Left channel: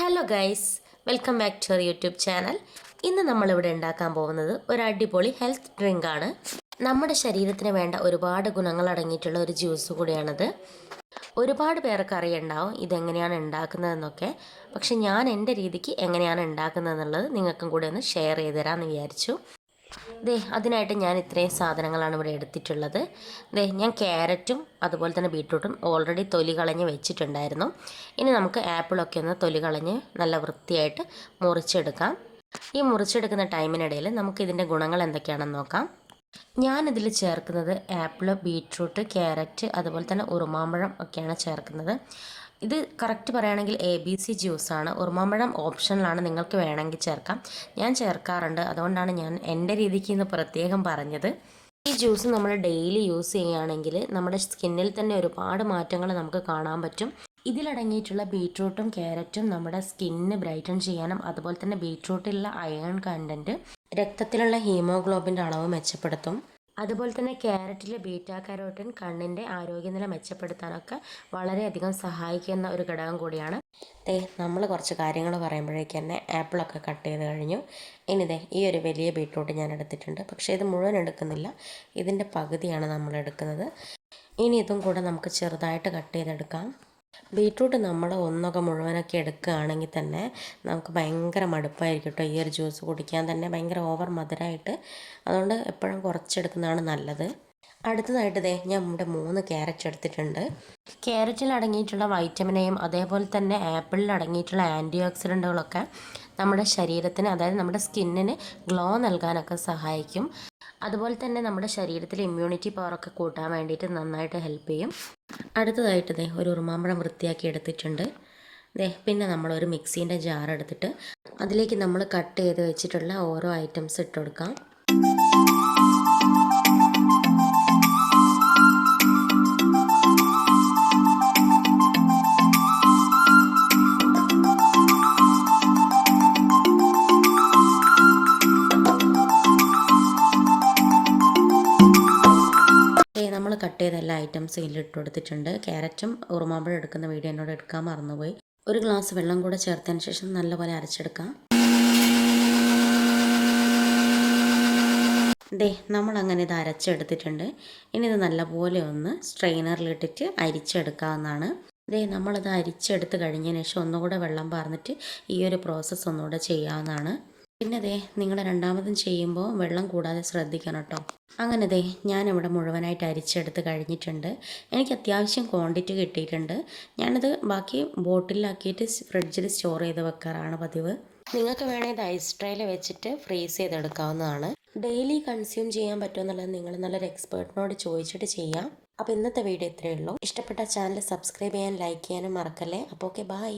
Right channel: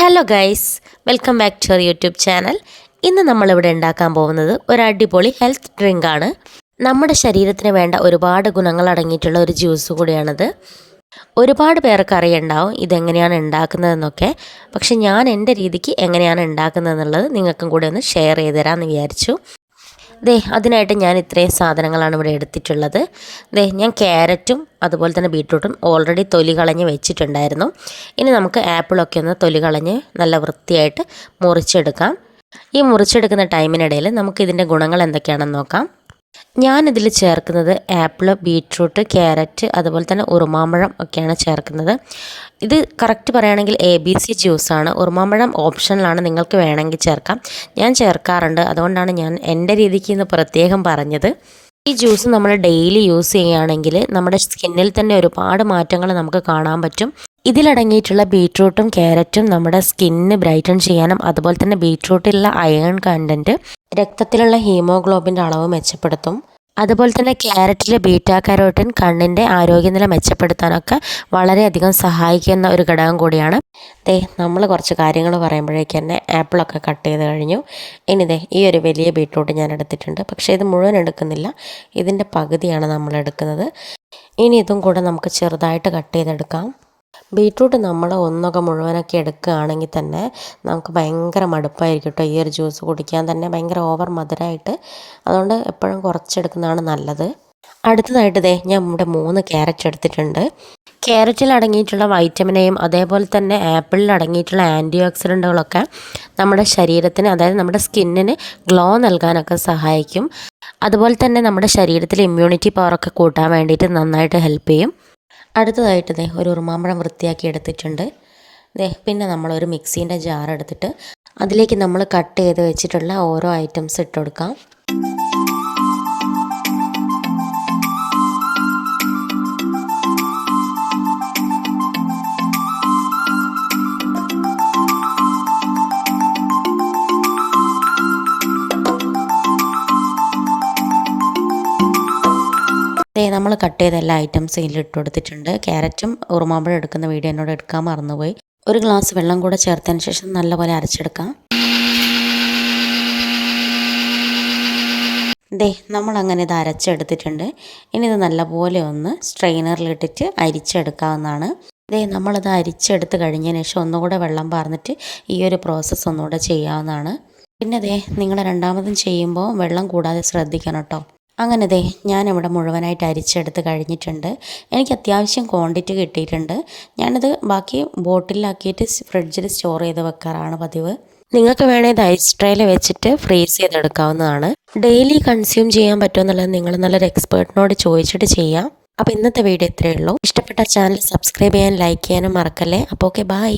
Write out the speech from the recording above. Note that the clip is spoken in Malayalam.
Hello guys, welcome back to our YouTube channel. ഇന്ന് നമ്മളിവിടെ ഉണ്ടാക്കാൻ പോകുന്നത് ഒരു അടിപൊളി ഹെൽത്ത് ഡ്രിങ്കാണ്. നമ്മുടെ ശരീരത്തിന് വേണ്ട ഒരുപാട് ഗുണങ്ങൾ അടങ്ങിയിട്ടുള്ള ഒരു ജ്യൂസ് കൂടിയാണിത്. ഒരുപാട് പേർക്ക് അറിയുണ്ടാവും ഇതെങ്ങനെയാണ് ഉണ്ടാക്കുന്നതെന്നൊക്കെ. പക്ഷെ ഞാൻ എൻ്റെ രീതിക്ക് എങ്ങനെയാണ് ഉണ്ടാക്കുന്നതെന്നുള്ളത് നിങ്ങൾക്കും കൂടെ ഒന്ന് ഷെയർ ചെയ്ത് തരാമെന്ന് വിചാരിച്ചു. അതിനായിട്ട് ഞാൻ ഇത്രയും സാധനങ്ങളാണ് ഇവിടെ എടുത്തിട്ടുള്ളത്. ഞാൻ ക്യാരറ്റും അതുപോലെ തന്നെ ബീട്രൂട്ടും ഓൾറെഡി തൊലി കളഞ്ഞ് വെച്ചിട്ടുണ്ടായിരുന്നു. ഇനി നമുക്ക് ആപ്പിളൊക്കെ ഒന്ന് തൊലി കളഞ്ഞ് നല്ല വൃത്തിയായിട്ട് മുറിച്ചെടുക്കാം. ഈ മുറിച്ചെടുക്കുന്ന ടൈമിനിടയിൽ നമുക്കിതിൻ്റെ ഗുണങ്ങൾ എന്തൊക്കെയാണെന്ന് നോക്കാം. ഞാനിതിൽ ചേർക്കുന്നത് ആപ്പിൾ, ബീട്രൂട്ട്, ക്യാരറ്റ് അതുപോലെ തന്നെ ഉറുമാമ്പഴം ഒക്കെയാണ് ചേർക്കുന്നത്. ഇത് കറക്റ്റ് പറയുകയാണെങ്കിൽ ABC ജ്യൂസാണ്. ഉറുമാമ്പഴം ഓപ്ഷനിലാണ്, നിങ്ങൾക്ക് വേണമെങ്കിൽ ചേർക്കാം. ഞാൻ ചേർക്കാറുണ്ട്, അതുകൊണ്ടാണ് ഞാൻ എൻ്റെ രീതിക്ക് ഇന്ന് പ്രത്യേകം പറഞ്ഞത്. ഈ ജ്യൂസ് നമ്മൾ ഡെയിലി യൂസ് ചെയ്യുകയാണെങ്കിൽ നമ്മുടെ സ്കിന്നിൽ തന്നെ ഒരുപാട് മാറ്റങ്ങൾ നമുക്ക് കാണാൻ പറ്റും. ഇതിലടങ്ങിയിട്ടുള്ള ബീട്രൂട്ടും ക്യാരറ്റും നമ്മുടെ സ്കിന്ന് ബ്രൈറ്റൺ ചെയ്യാനും അതുപോലെ തന്നെ ബീട്രൂട്ടിലുള്ള അയൺ കണ്ടൻറ്റ് രക്തത്തിലുള്ള ഹീമോഗ്ലോബിൻ്റെ അളവ് മെച്ചപ്പെടുത്തും. അതുപോലെ തന്നെ ക്യാരറ്റിലെ ബീറ്റാ കരോട്ടിൻ കണ്ണിൻ്റെ ആരോഗ്യനില മെച്ചപ്പെടുത്താനൊക്കെ വളരെയധികം സഹായിക്കുന്ന ഒരു ഘടകം കൂടിയാണ്. നമ്മൾ കുറച്ച് കാര്യങ്ങൾ പറയുമ്പോഴേക്ക് തന്നെ ആപ്പിളൊക്കെ കട്ട് ചെയ്ത് കഴിഞ്ഞു. ഇനി ഈ ഒരു വലിയ ബീട്രൂട്ട് ഞാൻ എടുത്തിട്ടുണ്ട്. പക്ഷേ ഇത് മുഴുവൻ എടുക്കുന്നില്ല, ഇതിൻ്റെ പകുതിയാണ് നമ്മൾ എടുക്കുന്നത്. ഇനി ഇതും കൂടെ നമുക്ക് ചെറുതായിട്ട് കട്ട് ചെയ്തെടുക്കാം. ബീട്രൂട്ട് നമ്മൾ ഒന്നൊക്കെ മുഴുവനൊക്കെ എടുക്കുകയാണെങ്കിൽ തന്നെ നമുക്ക് ഭയങ്കര മടുപ്പായിരിക്കും കേട്ടോ. ഈ ഒരു ജ്യൂസ് കുടിക്കാൻ തന്നെ ഭയങ്കര ഓവർ മധുരമായിട്ട്. അതുകൊണ്ട് എപ്പോഴും കുറച്ചെടുക്കുന്നതാണ് നല്ലത്. അടുത്തതായിട്ട് ഞാൻ ഇവിടെ 3 ക്യാരറ്റ് എടുത്തിട്ടുണ്ട്. ക്യാരറ്റിൽ അടങ്ങിയിട്ടുള്ള വൈറ്റമിനെയും അതേപോലെ തന്നെ ആപ്പിളിൽ അടങ്ങിയിട്ടുള്ള ആൻറ്റി ഓക്സിഡൻറ്റുകളൊക്കെ നമ്മുടെ ശരീരത്തിന്, അതായത് നമ്മുടെ സ്കിന്നിന് ഗ്ലോ നൽകാനൊക്കെ സഹായിക്കും. അതുപോലെ തന്നെ നമ്മുടെ ശരീരത്തിലെ ഇമ്മ്യൂണിറ്റി പവറൊക്കെ കൂട്ടാൻ വേണ്ടിയിട്ട് നന്നായിട്ട് ഹെൽപ്പ് ചെയ്യും. അടുത്തതായിട്ട് ഒരു ഉറുമാമ്പഴം വൃത്തിയാക്കി എടുത്തിട്ടുണ്ട്. പിന്നെ നമ്മളൊരു മിക്സീൻ്റെ ജാർ എടുത്തിട്ട് അതിലേക്ക് നമ്മൾ കട്ട് ചെയ്ത് വെച്ചിട്ടുള്ള ഓരോ ഐറ്റംസ് ഇട്ട് കൊടുക്കാം. നമ്മൾ കട്ട് ചെയ്ത എല്ലാ ഐറ്റംസും ഇതിലിട്ട് കൊടുത്തിട്ടുണ്ട്. ക്യാരറ്റും ഉറുമാമ്പഴം എടുക്കുന്ന വീഡിയോ എന്നോട് എടുക്കാൻ മറന്നുപോയി. ഒരു ഗ്ലാസ് വെള്ളം കൂടെ ചേർത്തതിന് ശേഷം നല്ലപോലെ അരച്ചെടുക്കാം. നമ്മളങ്ങനെ ഇത് അരച്ചെടുത്തിട്ടുണ്ട്. ഇനി ഇത് നല്ലപോലെ ഒന്ന് സ്ട്രെയിനറിലിട്ടിട്ട് അരിച്ചെടുക്കാവുന്നതാണ്. നമ്മളിത് അരിച്ചെടുത്ത് കഴിഞ്ഞതിന് ശേഷം ഒന്നുകൂടെ വെള്ളം പാർന്നിട്ട് ഈ ഒരു പ്രോസസ്സ് ഒന്നുകൂടെ ചെയ്യാവുന്നതാണ്. പിന്നെ നിങ്ങൾ രണ്ടാമതും ചെയ്യുമ്പോൾ വെള്ളം കൂടാതെ ശ്രദ്ധിക്കണം കേട്ടോ. അങ്ങനെ ഞാനിവിടെ മുഴുവനായിട്ട് അരിച്ചെടുത്ത് കഴിഞ്ഞിട്ടുണ്ട്. എനിക്ക് അത്യാവശ്യം ക്വാണ്ടിറ്റി കിട്ടിയിട്ടുണ്ട്. ഞാനിത് ബാക്കി ബോട്ടിലാക്കിയിട്ട് ഫ്രിഡ്ജിൽ സ്റ്റോർ ചെയ്ത് വെക്കാറാണ് പതിവ്. നിങ്ങൾക്ക് വേണമെങ്കിൽ ഐസ് ട്രേയിൽ വെച്ചിട്ട് ഫ്രീസ് ചെയ്തെടുക്കാവുന്നതാണ്. ഡെയിലി കൺസ്യൂം ചെയ്യാൻ പറ്റുമെന്നുള്ളത് നിങ്ങൾ നല്ലൊരു എക്സ്പേർട്ടിനോട് ചോദിച്ചിട്ട് ചെയ്യാം. അപ്പോൾ ഇന്നത്തെ വീഡിയോ ഇത്രയേ ഉള്ളൂ. ഇഷ്ടപ്പെട്ട ചാനൽ സബ്സ്ക്രൈബ് ചെയ്യാൻ, ലൈക്ക് ചെയ്യാനും മറക്കല്ലേ. അപ്പോൾ ഓക്കെ, ബൈ.